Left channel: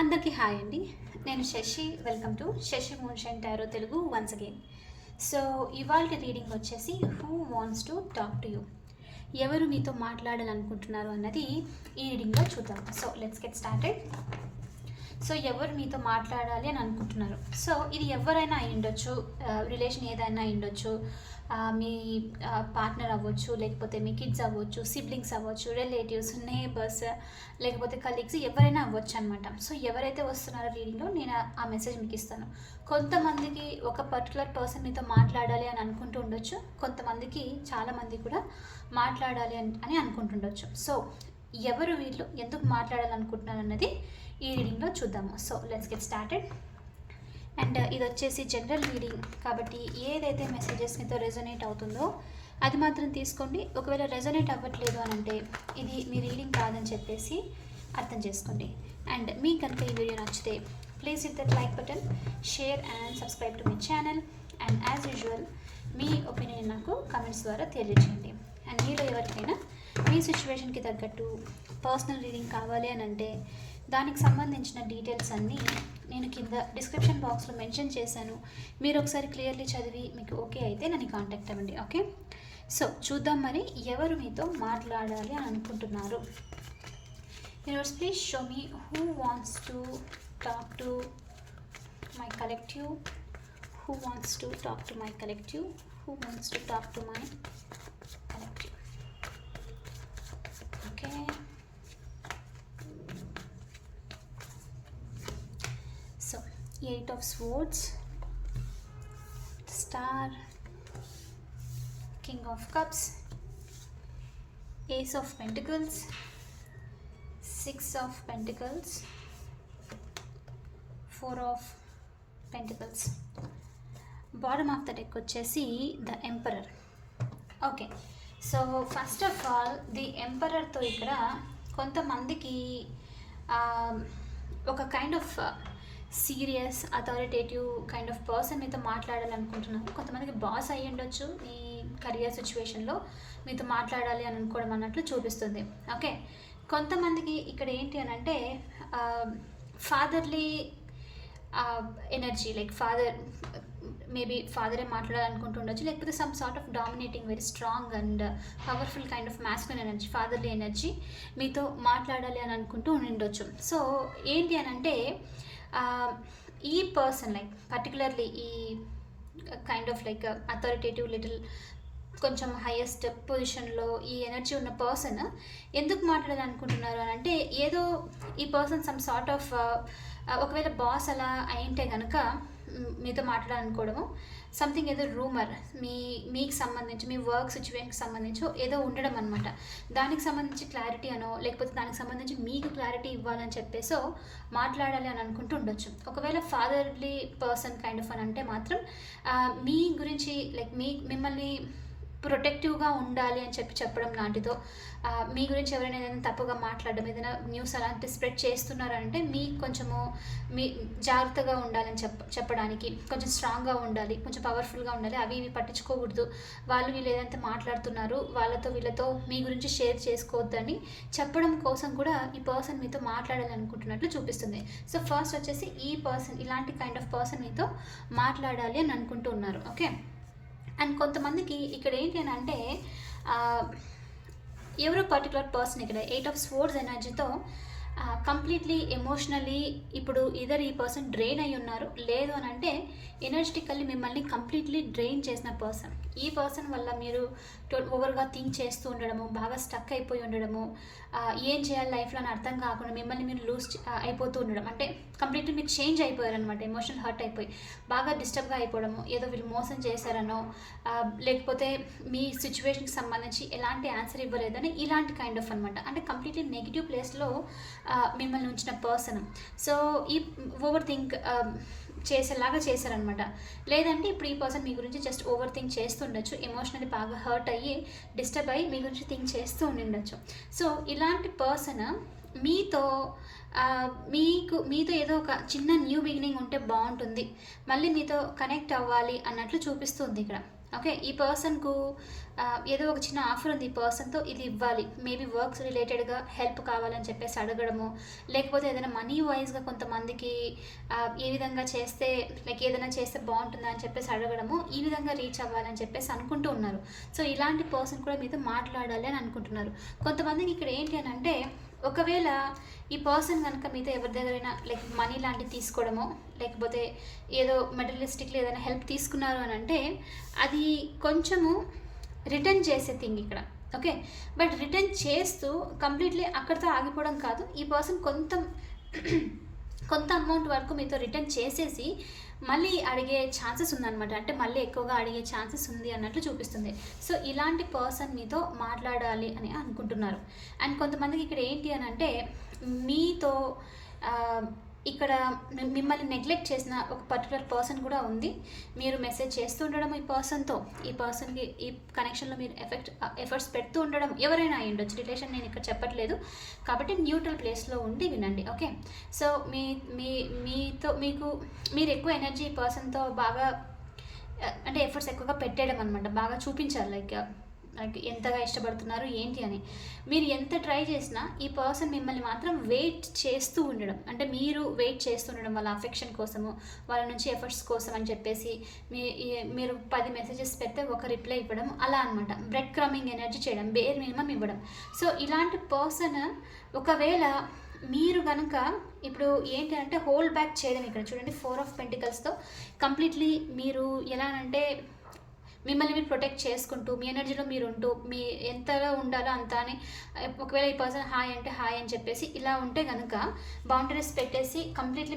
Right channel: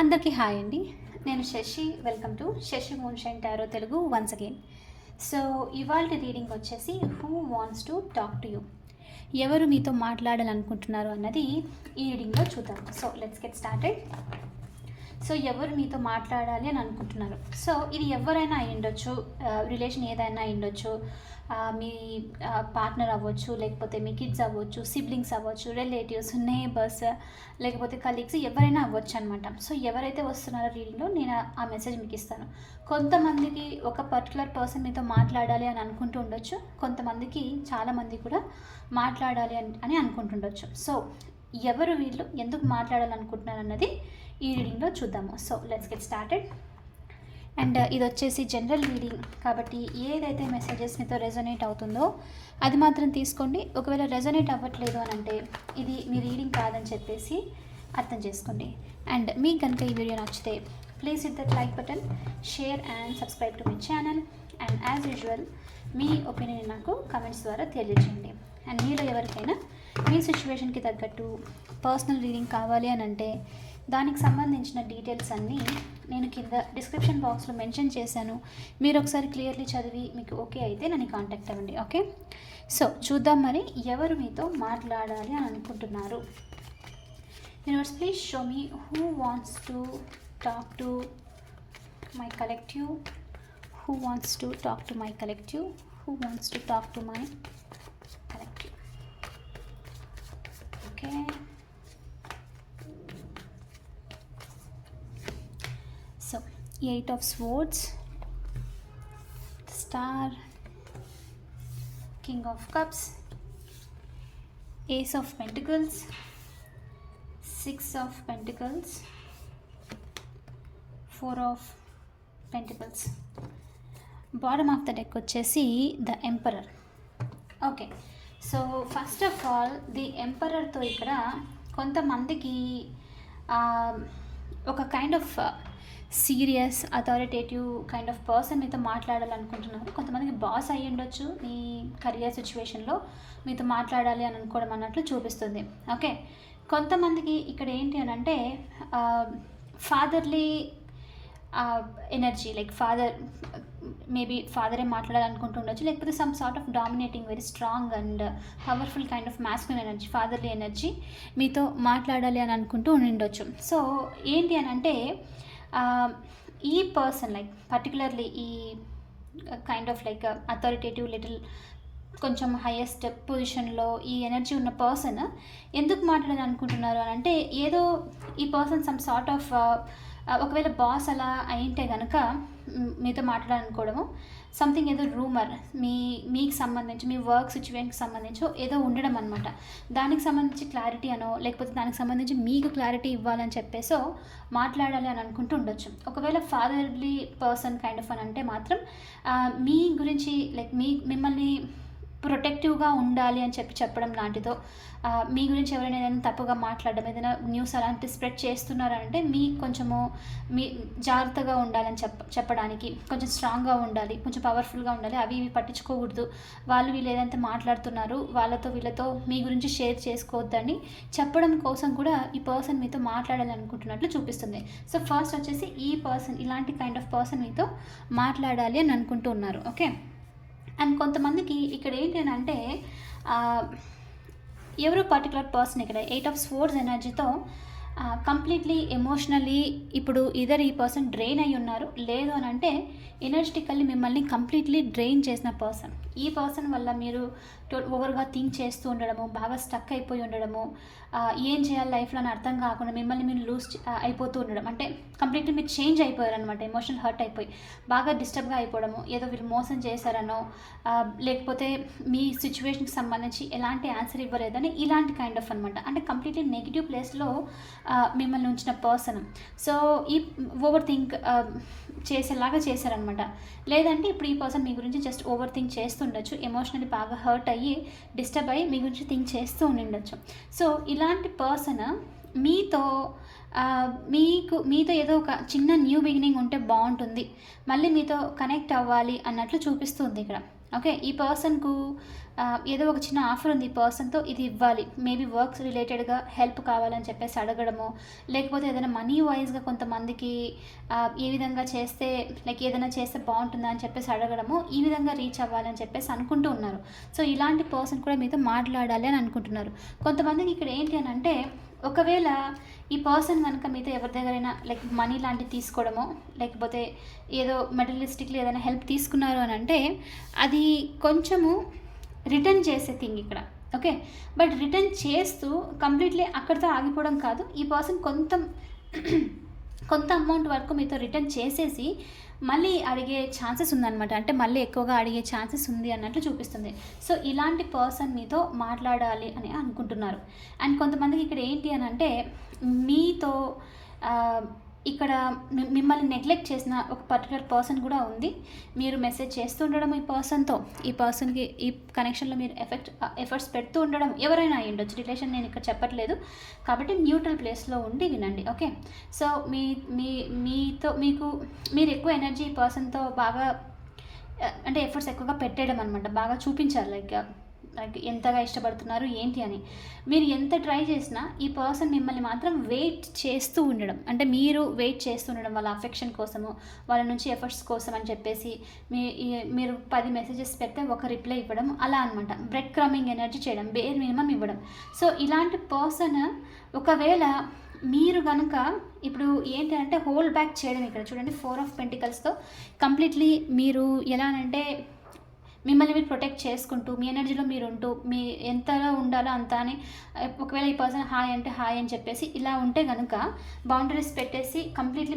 అందరికీ హాయ్ అండి. నేను Shashi. Welcome to Shashi moonshine tarot Telugu once again. So ఇవాల్టి రీడింగ్ వచ్చేసి who wants to talk to you, ఎవరు మీతో మాట్లాడాలనుకుంటున్నారు అన్నది ఈ రీడింగ్లో చూద్దాం. So let's get started. So ఎవరు మీతో మాట్లాడాలి అని అనుకుంటున్నారు. సో ఇది ఎవరైనా అయి ఉండొచ్చు, రిలేషన్ ఏదైనా అయి ఉండొచ్చు, మీ పార్ట్నర్ అవ్వచ్చు, లేకపోతే మీ కిడ్స్ అవ్వచ్చు, సిబ్లింగ్స్ అవ్వచ్చు, రిలేటివ్స్, నేబర్స్, లేకపోతే కలీగ్స్, ఎవరైనా అవ్వచ్చు అనమాట. సో ఎవరైతే వస్తున్నారో రీడింగ్లో నేను ఆ మెసేజ్ మీకు ఇస్తాను. కొంతమందికి ఒక పర్టికులర్ పర్సన్ మీతో మాట్లాడాలి అని అనుకుంటూ ఉండొచ్చు, కొంతమందికి చాలామంది కూడా మాట్లాడాలి అని అనుకుంటుండొచ్చు. సో ఎవరు వీళ్ళు, ఎందుకు మాట్లాడాలనుకుంటున్నారు అన్నది ఈ రీడింగ్లో చూద్దాము. So let's get started. And ఇది వచ్చేసి జనరల్ రీడింగ్ కాబట్టి ఏదైతే మెసేజెస్ మీతో రెజొనేట్ అవుతుందో అది మాత్రం తీసుకోండి. ఒకవేళ రెజొనేట్ అవ్వట్లేదు అని అంటే ఇది మీ రీడింగ్ కాదని చెప్పేసి అర్థం చేసుకోండి. అండ్ మీకు కనుక ఈ వీడియో నచ్చితే please hit that like button, share and subscribe to my channel. And as usual me opinion నాకు కమెంట్స్ ద్వారా తెలియజేయండి. అండ్ మీలో ఎవరికైనా మీ సిచ్యువేషన్కి తగ్గట్టు పర్సనల్ రీడింగ్ కావాలి అని అంటే దానికి సంబంధించిన డీటెయిల్స్ అన్నీ నేను కింద డిస్క్రిప్షన్ బాక్స్లో మెన్షన్ చేశాను. మీరు ఒకసారి క్లియర్లీ చదివి మీకు ఓకే అయితే నన్ను కాంటాక్ట్ అవ్వండి. ఓకే, సో చూద్దాం మరి ఎవరు మీతో మాట్లాడాలి అని అనుకుంటున్నారు. Universe please show me who wants to talk to my collective, who wants to talk to my collective, who wants to talk to my collective. Okay, so 8 of swords, star, king of cups, ace of pentacles, 6 of pentacles, 4 of pentacles. Bottom of the deck వచ్చేసి the emperor. Okay, so first of all the ఎంపరర్తో ఇక్కడ కొంతమందికి ఒక kind of serious authoritative kind of person మీతో మాట్లాడాలనుకుంటున్నారు. కొంతమందికి boss అయ్యి ఉండొచ్చు, మీ కెరియర్ సిచ్యువేషన్లో మీతో మాట్లాడాలి అని అనుకోవడం అన్నట్లు చూపిస్తుంది. ఓకే, కొంతమందికి ఇక్కడ ఏంటి అని అంటే fatherly energy, like father, maybe ఫాదరే మాట్లాడాలనుకుంటూ ఉండొచ్చు, లేకపోతే some sort of dominating, very strong and powerful kind of masculine energy, fatherly energy మీతో మాట్లాడాలి అని అనుకుంటూ ఉండొచ్చు. సో ఏంటి అని అంటే ఈ పర్సన్, లైక్ పర్టికులర్లీ ఈ kind of like authoritative, little కొంచెం హైయెస్ట్ పొజిషన్లో ఈ ఎనర్జీ ఉన్న పర్సన్ ఎందుకు మాట్లాడాలి అనుకుంటున్నారు అని అంటే ఏదో ఈ పర్సన్ సమ్ సార్ట్ ఆఫ్ ఒకవేళ బాస్ అలా అయింటే కనుక మీతో మాట్లాడాలనుకోవడము, సంథింగ్ ఏదో రూమర్ మీకు సంబంధించి, మీ వర్క్ సిచ్యువేషన్కి సంబంధించి ఏదో ఉండడం అనమాట. దానికి సంబంధించి క్లారిటీ అనో, లేకపోతే దానికి సంబంధించి మీకు క్లారిటీ ఇవ్వాలని చెప్పేసో మాట్లాడాలి అని అనుకుంటూ ఉండొచ్చు. ఒకవేళ ఫాదర్లీ పర్సన్ కైండ్ ఆఫ్ అని అంటే మాత్రం మీ గురించి, లైక్ మిమ్మల్ని ప్రొటెక్టివ్గా ఉండాలి అని చెప్పడం లాంటిదో, మీ గురించి ఎవరైనా ఏదైనా తప్పుగా మాట్లాడడం, ఏదైనా న్యూస్ అలాంటి స్ప్రెడ్ చేస్తున్నారంటే మీకు కొంచెము మీ జాగ్రత్తగా ఉండాలని చెప్పడానికి, కొంచెం స్ట్రాంగ్గా ఉండాలి, కొంచెం పవర్ఫుల్గా ఉండాలి, అవి ఇవి పట్టించుకోకూడదు, వాళ్ళు వీళ్ళు ఏదైతే మాట్లాడుతున్నారు వీళ్ళతో మీ గురించి షేర్ చేసుకోవద్దని చెప్పడం కోసం కూడా ఈ పర్సన్ మీతో మాట్లాడాలి అనుకుంటున్నట్లు చూపిస్తుంది. సో ఫస్ట్ వచ్చేసి ఈ పర్సన్, ఇలాంటి కైండ్ ఆఫ్ పర్సన్ మీతో మాట్లాడాలి అని అనుకుంటూ ఉన్నారు. ఓకే, అండ్ కొంతమందికి ఇక్కడ ఏంటి అని అంటే ఎవరో పర్టికులర్ పర్సన్ ఇక్కడ 8 ఆఫ్ స్వోర్డ్స్ ఎనర్జీతో కంప్లీట్లీ ఎమోషనల్లీ ఇప్పుడు ఇదర్ ఈ పర్సన్ డ్రైన్ అయి ఉన్నారు, లేదు అని అంటే ఎనర్జెటికల్లీ మిమ్మల్ని కంప్లీట్లీ డ్రైన్ చేసిన పర్సన్. ఈ పర్సన్ వల్ల మీరు ఓవర్గా థింక్ చేస్తూ ఉండడము, బాగా స్టక్ అయిపోయి ఉండడము, ఏం చేయాలి లైఫ్లో అని అర్థం కాకుండా మిమ్మల్ని మీరు లూజ్ అయిపోతూ ఉండడం, అంటే కంప్లీట్లీ మీరు చేంజ్ అయిపోయారు అనమాట. ఎమోషనల్ హర్ట్ అయిపోయి బాగా డిస్టర్బ్గా అయిపోవడము, ఏదో వీళ్ళు మోసం చేశారనో, లేకపోతే మీ సిచ్యువేషన్కి సంబంధించి ఎలాంటి ఆన్సర్ ఇవ్వలేదని, ఇలాంటి కైండ్ ఆఫ్ అనమాట. అంటే కంప్లీట్లీ నెగిటివ్ ప్లేస్లో మిమ్మల్ని ఉంచిన పర్సన్. సో ఈ ఓవర్ థింక్ చేసేలాగా చేశారనమాట. లేదంటే ఇప్పుడు ఈ పర్సన్ మీ గురించి జస్ట్ ఓవర్ థింక్ చేస్తుండొచ్చు, ఎమోషనల్లీ బాగా హర్ట్ అయ్యి డిస్టర్బ్ అయ్యి మీ గురించి థింక్ చేస్తూ ఉండిండొచ్చు. సో ఇలాంటి పర్సన్ మీతో మీతో ఏదో ఒక చిన్న న్యూ బిగినింగ్ ఉంటే బాగుంటుంది, మళ్ళీ మీతో కనెక్ట్ అవ్వాలి అన్నట్లు చూపిస్తుంది ఇక్కడ. ఓకే, ఈ పర్సన్కు ఏదో ఒక చిన్న ఆఫర్ ఉంది, ఈ పర్సన్తో ఇది ఇవ్వాలి, మేబీ వర్క్స్ రిలేటెడ్గా హెల్ప్ కావాలని చెప్పేసి అడగడము, లేకపోతే ఏదైనా మనీ వైజ్గా కొంతమందికి ఏ విధంగా చేస్తే లైక్ ఏదైనా చేస్తే బాగుంటుందా అని చెప్పేసి అడగడము, ఈ విధంగా రీచ్ అవ్వాలని చెప్పేసి అనుకుంటూ ఉన్నారు. సో ఇలాంటి పర్సన్ కూడా మీతో మాట్లాడాలి అని అనుకుంటున్నారు. కొంతమందికి ఇక్కడ ఏంటి అని అంటే, ఒకవేళ ఈ పర్సన్ కనుక మీతో ఎవరి దగ్గరైనా లైక్ మనీ లాంటివి తీసుకోవడమో, లేకపోతే ఏదో మెటీరియలిస్టిక్లీ ఏదైనా హెల్ప్ తీసుకున్నారు అని అంటే, అది కొంచెము రిటర్న్ చేసే థింగ్ ఇక్కడ. ఓకే, బట్ రిటర్న్ చేస్తూ కంప్లీట్లీ అక్కడితో ఆగిపోవడం కాదు. ఈ పర్సన్ కొంత అమౌంట్ వరకు మీతో రిటర్న్ చేసేసి మళ్ళీ అడిగే ఛాన్సెస్ ఉందన్నమాట. అంటే మళ్ళీ ఎక్కువగా అడిగే ఛాన్సెస్ ఉంది అన్నట్లు చూపిస్తుంది. సో ఇలాంటి పర్సన్ మీతో మాట్లాడాలి అని అనుకుంటున్నారు. అండ్ కొంతమందికి ఇక్కడ ఏంటి అని అంటే, మీతో ఇక్కడ మిమ్మల్ని నెగ్లెక్ట్ చేసిన ఒక పర్టికులర్ పర్సన్ కూడా ఉంది. మీరు మెసేజ్ చేస్తూ ఉండడం ఈ పర్సన్తో, ఈ పర్సన్కి ఈ కనెక్షన్లో మీరు ఎఫర్ట్స్ పెడుతూ ఉండడం, ఎవరైనా అయ్యి ఉండొచ్చు, రిలేషన్ నేను ఇక్కడ చెప్పట్లేదు కాబట్టి న్యూట్రల్ ప్లేస్లో ఉండి వినండి. ఓకే, సో మీరు ఎక్కువ ఎనర్జీ ఈ పర్సన్తో బాగా అంటే ఎఫర్ట్స్ ఎక్కువగా పెట్టడం అనమాట, బాగా చూపించాలి లైక్ ఎంతగా ఇష్టపడుతున్నారు ఏంటి అని. మీరు ఎంత ట్రై చేసినా ఈ పర్సన్ మిమ్మల్ని మాత్రం వెయిట్ చేస్తూ ఉండడం, అంటే మీరు వెయిట్ చేస్తూ ఉండడం వాళ్ళ అఫెక్షన్ కోసము, వాళ్ళ నుంచి ఎఫర్ట్స్ కోసం అని చెప్పేసి మీరు 10 మెసేజెస్ పెడితే ఒక రిప్లై ఇవ్వడం, అలా అనమాట. బ్రెడ్ క్రమింగ్ ఎనర్జీ చేయడం, బేర్ మినిమం ఇవ్వడం. సో ఇలాంటి పర్సన్ ఒకవేళ మీరు కనుక ఇప్పుడు ఏంటి అంటే హోల్డ్ బ్యాక్ చేయడం, ఇక్కడ చూడండి 4 ఆఫ్ పెంటికల్స్తో కంప్లీట్లీ మీరు ఎలా అంటే మిమ్మల్ని మీరు ప్రొటెక్ట్ చేసుకుంటూ, మీ ఎనర్జీలో మీరు ఉంటూ, మీ ఎంతగా ఉండాలో అంత అని, ఒకవేళ ఈ పర్సన్ హాయ్ అంటే హాయ్ అని చెప్పేసి ఇలా ఉంటే కనుక, బౌండరీస్ పెట్టేసి కంప్లీట్లీ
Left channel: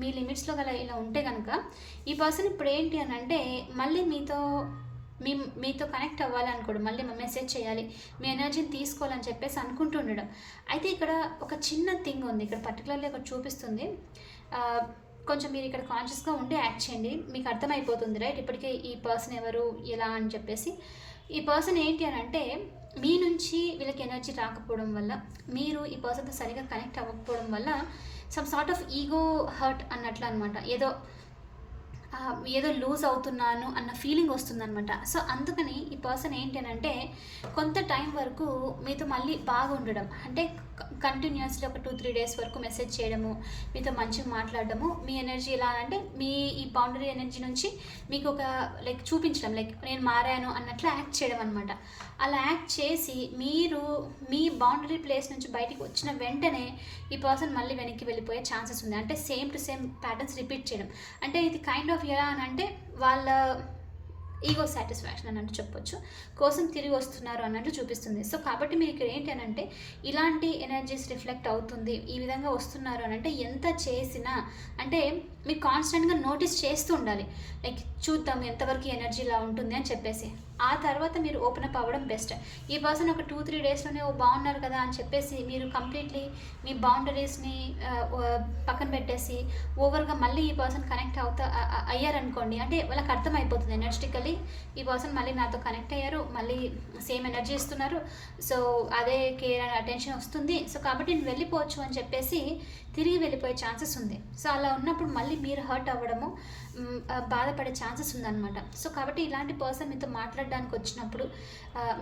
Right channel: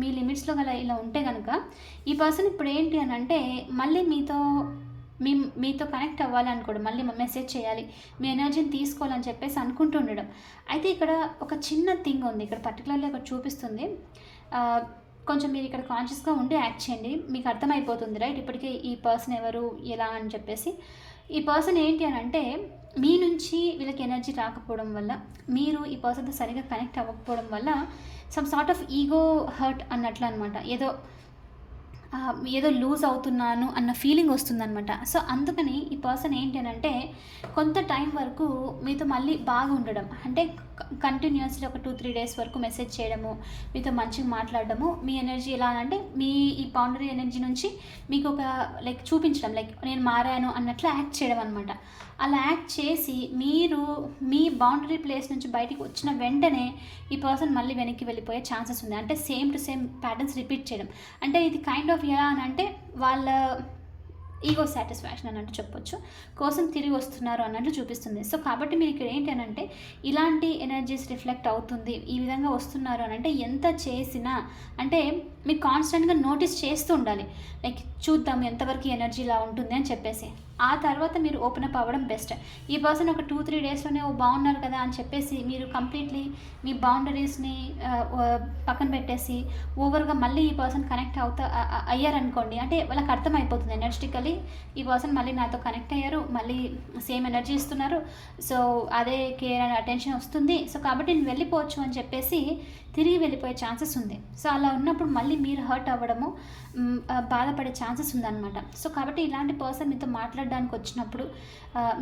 మీ లిమిట్స్లో గల ఇలా ఉంటే కనుక, ఈ పర్సన్ ఇప్పుడు ఏంటి అని అంటే మళ్ళీ మీతో కనెక్ట్ అవ్వాలనుకోవడం, మళ్ళీ మెసేజ్ చేయాలి, మీ ఎనర్జీని తీసుకోవాలని చెప్పేసి అనుకుంటూ ఉండడం. అయితే ఇక్కడ ఒక చిన్న థింగ్ ఉంది, ఇక్కడ పర్టికులర్లీ ఇక్కడ చూపిస్తుంది. కొంచెం మీరు ఇక్కడ కాన్షియస్గా ఉండి యాక్ట్ చేయండి, మీకు అర్థమైపోతుంది రైట్. ఇప్పటికే ఈ పర్సన్ ఎవరు ఎలా అని చెప్పేసి, ఈ పర్సన్ ఏంటి అని అంటే మీ నుంచి వీళ్ళకి ఎనర్జీ రాకపోవడం వల్ల, మీరు ఈ పర్సన్తో సరిగా కనెక్ట్ అవ్వకపోవడం వల్ల some sort of ego hurt అన్నట్లు అనమాట. ఏదో లూజ్ అవుతున్నాను అన్న ఫీలింగ్ వస్తుందనమాట. సో అందుకని ఈ పర్సన్ ఏంటి అని అంటే కొంత టైం వరకు మీతో మళ్ళీ బాగా ఉండడం, అంటే కంటిన్యూస్లీ ఒక 2-3 డేస్ వరకు మెసేజ్ చేయడము, మీతో మంచిగా మాట్లాడడము, మీ ఎనర్జీ ఎలా అంటే మీ ఈ బౌండరీ ఎనర్జీ నుంచి మీకు ఒక లైక్ చూపించడం, లైక్ నేను మారాను అన్నట్లు యాక్ట్ చేయడం అనమాట. అలా యాక్ట్ చేసి మీరు మీ బౌండరీ ప్లేస్ నుంచి బయటికి వచ్చిన వెంటనే ఈ పర్సన్ మళ్ళీ వెనక్కి వెళ్ళిపోయే ఛాన్సెస్ ఉంది. అంటే same to same patterns repeat చేయడం, అంటే ఇది కైండ్ ఆఫ్ ఎలా అని అంటే వాళ్ళ ఈగో సాటిస్ఫాక్షన్ అన్నట్టు చెప్పొచ్చు, కోసం తిరిగి వస్తున్నారు అన్నట్టు చూపిస్తుంది. సో కాబట్టి మీరు ఇక్కడ ఏంటి అని అంటే ఇలాంటి ఎనర్జీస్ రిఫ్లెక్ట్ అవుతుంది, ఈ విధంగా వస్తున్నారు అని అంటే ఎంత చేసినా అంటే మీరు కాన్స్టెంట్గా నోటీస్ చేస్తూ ఉండాలి, లైక్ చూద్దాం ఎంతవరకు ఎనర్జీ ఇలా ఉంటుంది అని చెప్పేసి. ఆ తర్వాత మీరు ఓపెన్ అప్ అవ్వడం బెస్ట్. ఈ పర్సన్ ఒక 2-3 డేస్లోనే బాగున్నారు కదా అని చెప్పేసి మీరు కంప్లీట్లీ మీ బౌండరీస్ని పక్కన పెట్టేసి ఓవర్గా మళ్ళీ ఈ పర్సన్ కనెక్ట్ అయ్యారనుకోండి, అంటే వాళ్ళకి అర్థమైపోతుంది ఎనర్జెటికలీ ఈ పర్సన్ మళ్ళీ నాతో కనెక్ట్ అయ్యారు, మళ్ళీ సేమ్ ఎనర్జీ ఇస్తున్నారు, సో అదే కేర్ అండ్ అటెన్షన్ వస్తుంది, సో కాబట్టి నేను వెళ్ళిపోవచ్చు అని చెప్పేసి తిరిగి వెళ్ళిపోయే ఛాన్సెస్ ఉంది. సో అలా ఉన్నప్పుడు మళ్ళీ మీరు హర్ట్ అవ్వడము, బాధపడే ఛాన్సెస్ ఉందన్నమాట. సో కాబట్టి ఇలాంటి పర్సన్ మీతో మాట్లాడడానికి వచ్చినప్పుడు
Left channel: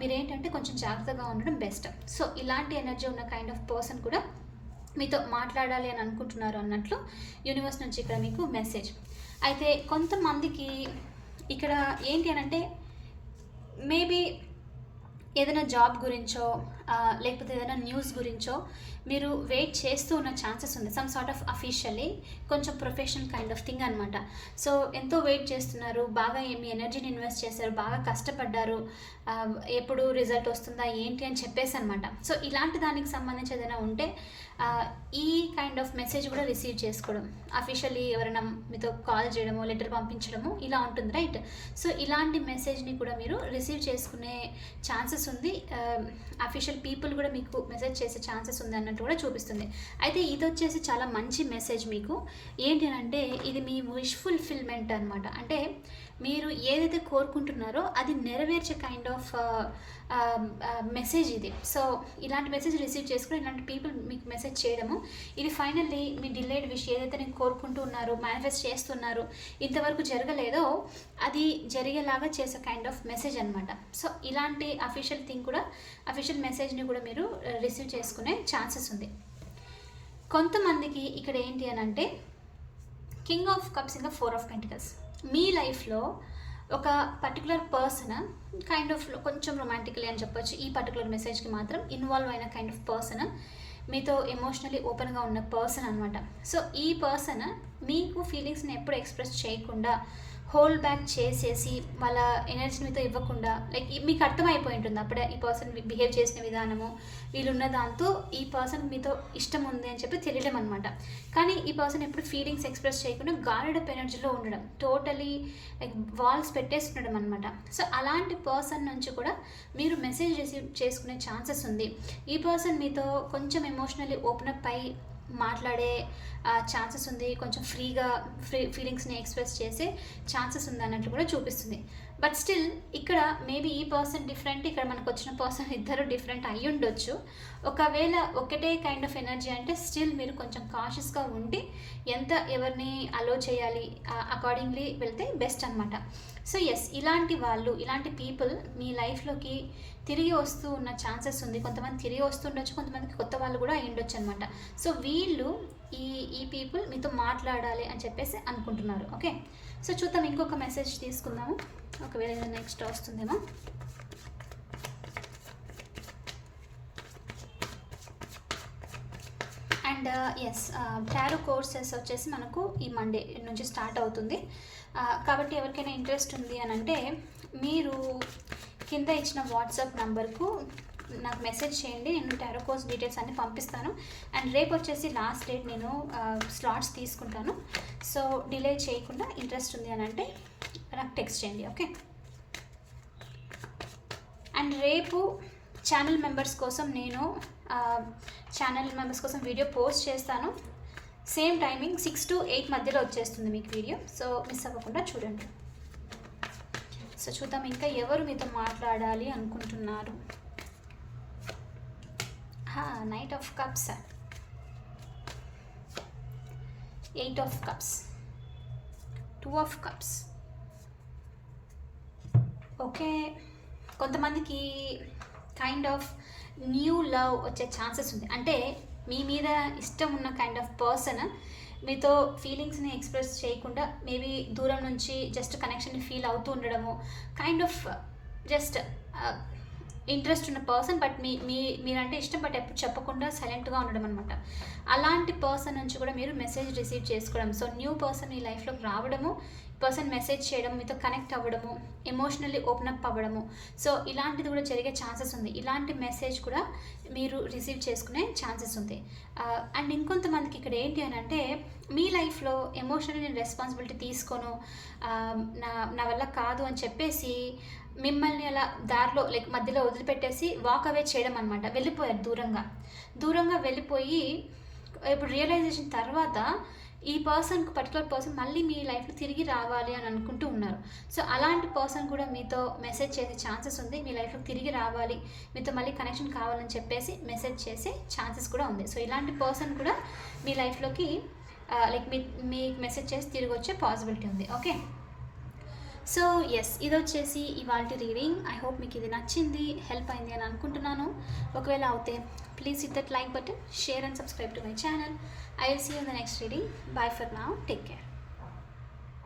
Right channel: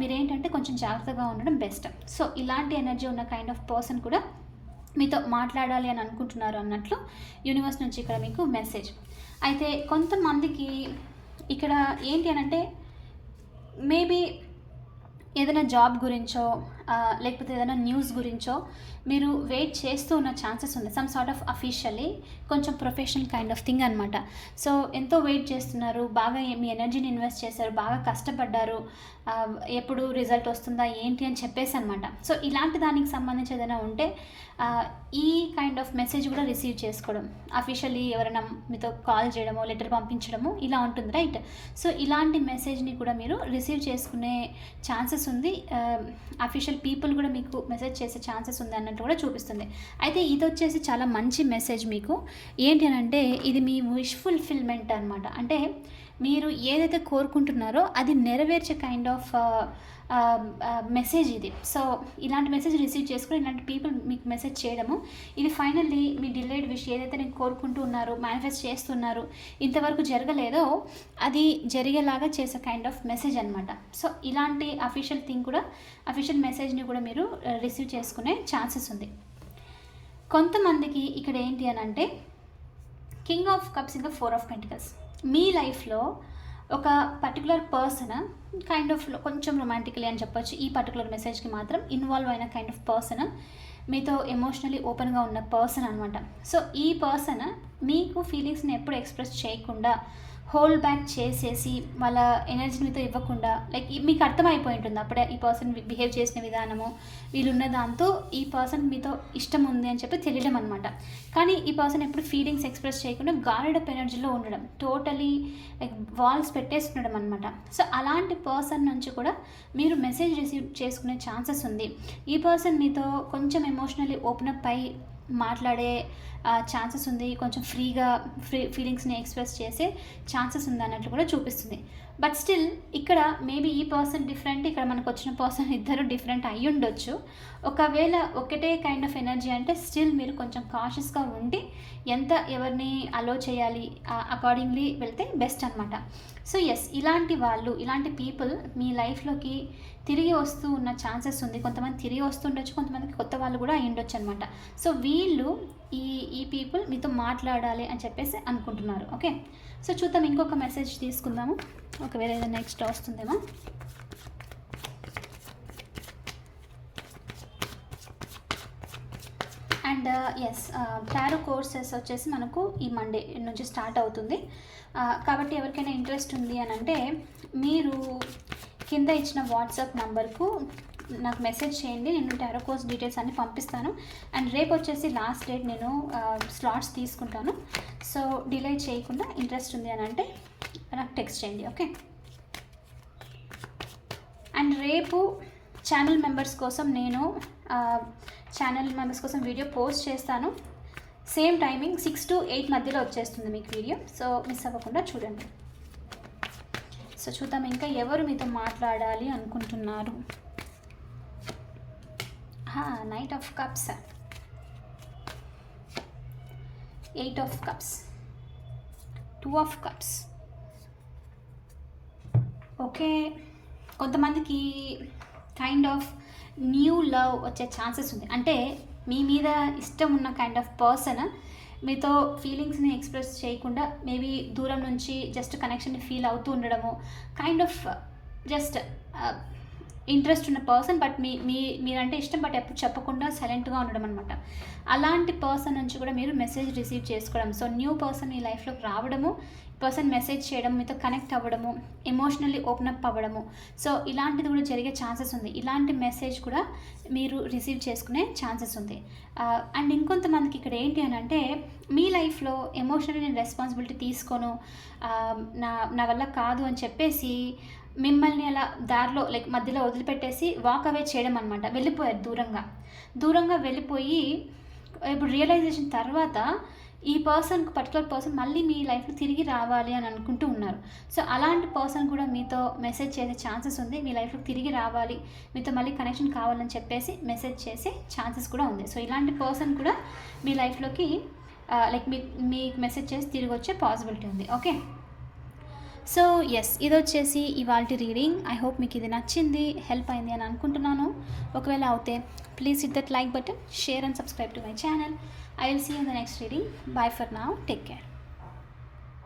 మీరేంటంటే కొంచెం జాగ్రత్తగా ఉండడం బెస్ట్. సో ఇలాంటి ఎనర్జీ ఉన్న కైండ్ ఆఫ్ పర్సన్ కూడా మీతో మాట్లాడాలి అని అనుకుంటున్నారు అన్నట్లు యూనివర్స్ నుంచి ఇక్కడ మీకు మెసేజ్. అయితే కొంతమందికి ఇక్కడ ఏంటి అని అంటే మేబీ ఏదైనా జాబ్ గురించో లేకపోతే ఏదైనా న్యూస్ గురించో మీరు వెయిట్ చేస్తూ ఉన్న ఛాన్సెస్ ఉంది. సమ్ సార్ట్ ఆఫ్ అఫీషియల్లీ కొంచెం ప్రొఫెషనల్ కైండ్ ఆఫ్ థింగ్ అనమాట. సో ఎంతో వెయిట్ చేస్తున్నారు, బాగా మీ ఎనర్జీని ఇన్వెస్ట్ చేశారు, బాగా కష్టపడ్డారు, ఎప్పుడు రిజల్ట్ వస్తుందా ఏంటి అని చెప్పేసి అనమాట. సో ఇలాంటి దానికి సంబంధించి ఏదైనా ఉంటే ఈ కైండ్ ఆఫ్ మెసేజ్ కూడా రిసీవ్ చేసుకోవడం, అఫీషియల్లీ ఎవరైనా మీతో కాల్ చేయడమో లెటర్ పంపించడము ఇలా ఉంటుంది రైట్. సో ఇలాంటి మెసేజ్ని కూడా మీరు రిసీవ్ చేసుకునే ఛాన్సెస్ ఉంది, అఫీషియల్ పీపుల్ కూడా మీకు మెసేజ్ చేసే ఛాన్సెస్ ఉంది అన్నట్టు కూడా చూపిస్తుంది. అయితే ఇది వచ్చేసి చాలా మంచి మెసేజ్ మీకు. ఏంటి అని అంటే ఇది మీ విష్ ఫుల్ఫిల్మెంట్ అనమాట. అంటే మీరు ఏదైతే కోరుకుంటున్నారో అది నెరవేర్చే కైండ్ ఆఫ్ మెసేజ్ ఇది. సో ఇలాంటి మెసేజ్ రిసీవ్ చేసుకుని ఇలాంటి పీపుల్ మీకు మెసేజ్ చేయడము, ఇది ఫైనల్లీ మీ డిలేడ్ విష్ ఏదైతే నేను కోరుకుంటూ ఉన్నారు, మేనిఫెస్ట్ చేస్తున్నారు, ఇంతవరకు జరగలేదో అది జరిగేలాగా చేసే కైండ్ ఆఫ్ మెసేజ్ అనమాట. సో ఇలాంటి అఫీషియల్ థింగ్ కూడా, అఫీషియల్ మెసేజ్ని కూడా మీరు రిసీవ్ చేసుకునే ఛాన్సెస్ ఉంది. కొంతమందికి ఇక్కడ ఏంటి అని అంటే కింగ్ ఆఫ్ కప్స్ ఇంకా 4 ఆఫ్ పెంటికల్స్. మీ లైఫ్లో ఒక పర్టికులర్ పర్సన్ కైండ్ ఆఫ్ కొంచెం రొమాంటికలీ అని చెప్పొచ్చు, ఈ పర్టికులర్ మెసేజ్కి మాత్రం ఇన్వాల్వ్ అయిన కైండ్ ఆఫ్ పర్సన్, మీతో ఎమోషనలీ ఓపెన్గా ఉన్న పర్సన్ అనమాట. సో ఈ పర్సన్ మీకు ఫీలింగ్స్ని ఎప్పుడు ఎక్స్ప్రెస్ చేయకుండా హోల్డ్ బ్యాక్ చేసేసి వాళ్ళ ఎనర్జీని మీతో ఇవ్వకుండా, లైక్ మీకు అర్థమైపోయి ఉంటుంది అప్పుడే ఈ పర్సన్ బిహేవ్ చేసిన విధానము, వీళ్ళున్న దాంతో ఈ పర్సన్ మీతో ఇష్టం ఉంది అని చెప్పి తెలియడం అనమాట. కానీ ఈ పర్సన్ ఎప్పుడు ఫీలింగ్స్ ఎక్స్ప్రెస్ చేయకుండా గార్డెడ్ అప్ ఎనర్జీలో ఉండడం, టోటలీ లైక్ వాల్స్ పెట్టేసి ఉండడం అనమాట. సో అలాంటి పర్సన్ నుంచి కూడా మీరు మెసేజ్ రిసీవ్ చేసుకునే ఛాన్సెస్ ఉంది. ఈ పర్సన్ మీతో కొంచెం ఎమోషనలీ ఓపెన్ అప్ అయి మాట్లాడే ఛాన్సెస్ ఉంది, కొంచెం ఫ్రీగా ఫీలింగ్స్ని ఎక్స్ప్రెస్ చేసే ఛాన్సెస్ ఉంది అన్నట్లు కూడా చూపిస్తుంది. బట్ స్టిల్ ఇక్కడ మేబీ ఈ పర్సన్ డిఫరెంట్, ఇక్కడ మనకు వచ్చిన పర్సన్ ఇద్దరు డిఫరెంట్ అయ్యి ఉండొచ్చు. ఒకవేళ ఒకటే కైండ్ ఆఫ్ ఎనర్జీ అంటే స్టిల్ మీరు కొంచెం కాషియస్గా ఉండి ఎంత ఎవరిని అలో చేయాలి అకార్డింగ్లీ వెళ్తే బెస్ట్ అనమాట. సో ఎస్, ఇలాంటి వాళ్ళు, ఇలాంటి పీపుల్ మీ లైఫ్లోకి తిరిగి వస్తూ ఉన్న ఛాన్సెస్ ఉంది. కొంతమంది తిరిగి వస్తుండొచ్చు, కొంతమందికి కొత్త వాళ్ళు కూడా అయి ఉండొచ్చు అనమాట. సో వీళ్ళు ఈ పీపుల్ మీతో మాట్లాడాలి అని చెప్పేసి అనుకుంటున్నారు. ఓకే, సో చూద్దాం, ఇంకొక మెసేజ్ తీసుకుందాము, ఒకవేళ ఏదైనా నెక్స్ట్ వస్తుందేమో. అండ్ ఎస్, టారో కోర్సెస్ వచ్చేసి మనకు ఈ మండే నుంచి స్టార్ట్ అవుతుంది. కాబట్టి ఎవరికైనా ఇంట్రెస్ట్ ఉంది అని అంటే మీరు కింద ఇచ్చిన వాట్సాప్ నంబర్కు నాకు మెసేజ్ చేయండి, నేను టారో కోర్స్ డీటెయిల్స్ అన్నీ పంపిస్తాను. అండ్ రేపు వచ్చేసి లాస్ట్ డేట్, నేను స్లాట్స్ తీసుకుంటాను. సో డిలే చేయకుండా ఇంట్రెస్ట్ ఉంది అని అంటే నాకు టెక్స్ట్ చేయండి. ఓకే, అండ్ రేపు ఛానల్ మెంబర్స్ కోసం నేను వీడియో పోస్ట్ చేస్తాను. సేమ్ టైమింగ్ 6 to 8 మధ్యలో వచ్చేస్తుంది మీకు వీడియో. సో మిస్ అవ్వకుండా చూడండి. సో చూద్దాం ఇంకా ఎవరు మీతో మాట్లాడాలి అనుకుంటున్నారు. Knight of cups, 8 of cups, 2 of cups. Okay, కొంతమందికి కైండ్ ఆఫ్ న్యూ లవ్ వచ్చే ఛాన్సెస్ ఉంది. అంటే మీ మీద ఇష్టం ఉన్న కైండ్ ఆఫ్ పర్సన్ మీతో ఫీలింగ్స్ని ఎక్స్ప్రెస్ చేయకుండా మేబీ దూరం నుంచి జస్ట్ కనెక్షన్ని ఫీల్ అవుతూ ఉండడము, కైండ్ ఆఫ్ జస్ట్ ఇంట్రెస్ట్ ఉన్న పర్సన్, బట్ మీరంటే ఇష్టం బట్ ఎప్పుడు చెప్పకుండా సైలెంట్గా ఉండడం అనమాట. అలాంటి పర్సన్ నుంచి కూడా మీరు మెసేజ్ రిసీవ్ చేసుకోవడం. సో న్యూ పర్సన్ మీ లైఫ్లోకి రావడము, పర్సన్ మెసేజ్ చేయడం, మీతో కనెక్ట్ అవ్వడము, ఎమోషనల్లీ ఓపెన్ అప్ అవ్వడము. సో ఇలాంటిది కూడా జరిగే ఛాన్సెస్ ఉంది. ఇలాంటి మెసేజ్ కూడా మీరు రిసీవ్ చేసుకునే ఛాన్సెస్ ఉంది. అండ్ ఇంకొంతమందికి ఇక్కడ ఏంటి అని అంటే మీ లైఫ్లో ఎమోషనల్లీ నేను రెస్పాన్సిబిలిటీ తీసుకోను, నా వల్ల కాదు అని చెప్పేసి మిమ్మల్ని అలా దారిలో లైక్ మధ్యలో వదిలిపెట్టేసి వాక్ అవే చేయడం అనమాట. వెళ్ళిపోయారు దూరంగా వెళ్ళిపోయి, ఇప్పుడు రియలైజేషన్ తర్వాత ఈ పర్టికులర్ పర్సన్ మళ్ళీ మీ లైఫ్లో తిరిగి రావాలి అని అనుకుంటూ ఉన్నారు. సో అలాంటి పర్సన్ కూడా మీతో మెసేజ్ చేసే ఛాన్సెస్ ఉంది. మీ లైఫ్లో తిరిగి రావాలి, మీతో మళ్ళీ కనెక్షన్ కావాలని చెప్పేసి మెసేజ్ చేసే ఛాన్సెస్ కూడా ఉంది. సో ఇలాంటి పర్సన్ కూడా మీ లైఫ్లోకి లైక్ మీకు మెసేజ్ చేసి తిరిగి వచ్చే పాసిబిలిటీ ఉంది. ఓకే, సో ఎస్, ఇది వచ్చేసి ఇవాళ రీడింగ్. ఐ హోప్ మీకు ఇది నచ్చింది, హెల్ప్ అయింది అని అనుకుంటున్నాను. ఒకవేళ అవుతే please hit that like button, share and subscribe to my channel. I will see you in the next reading. Bye for now. Take care.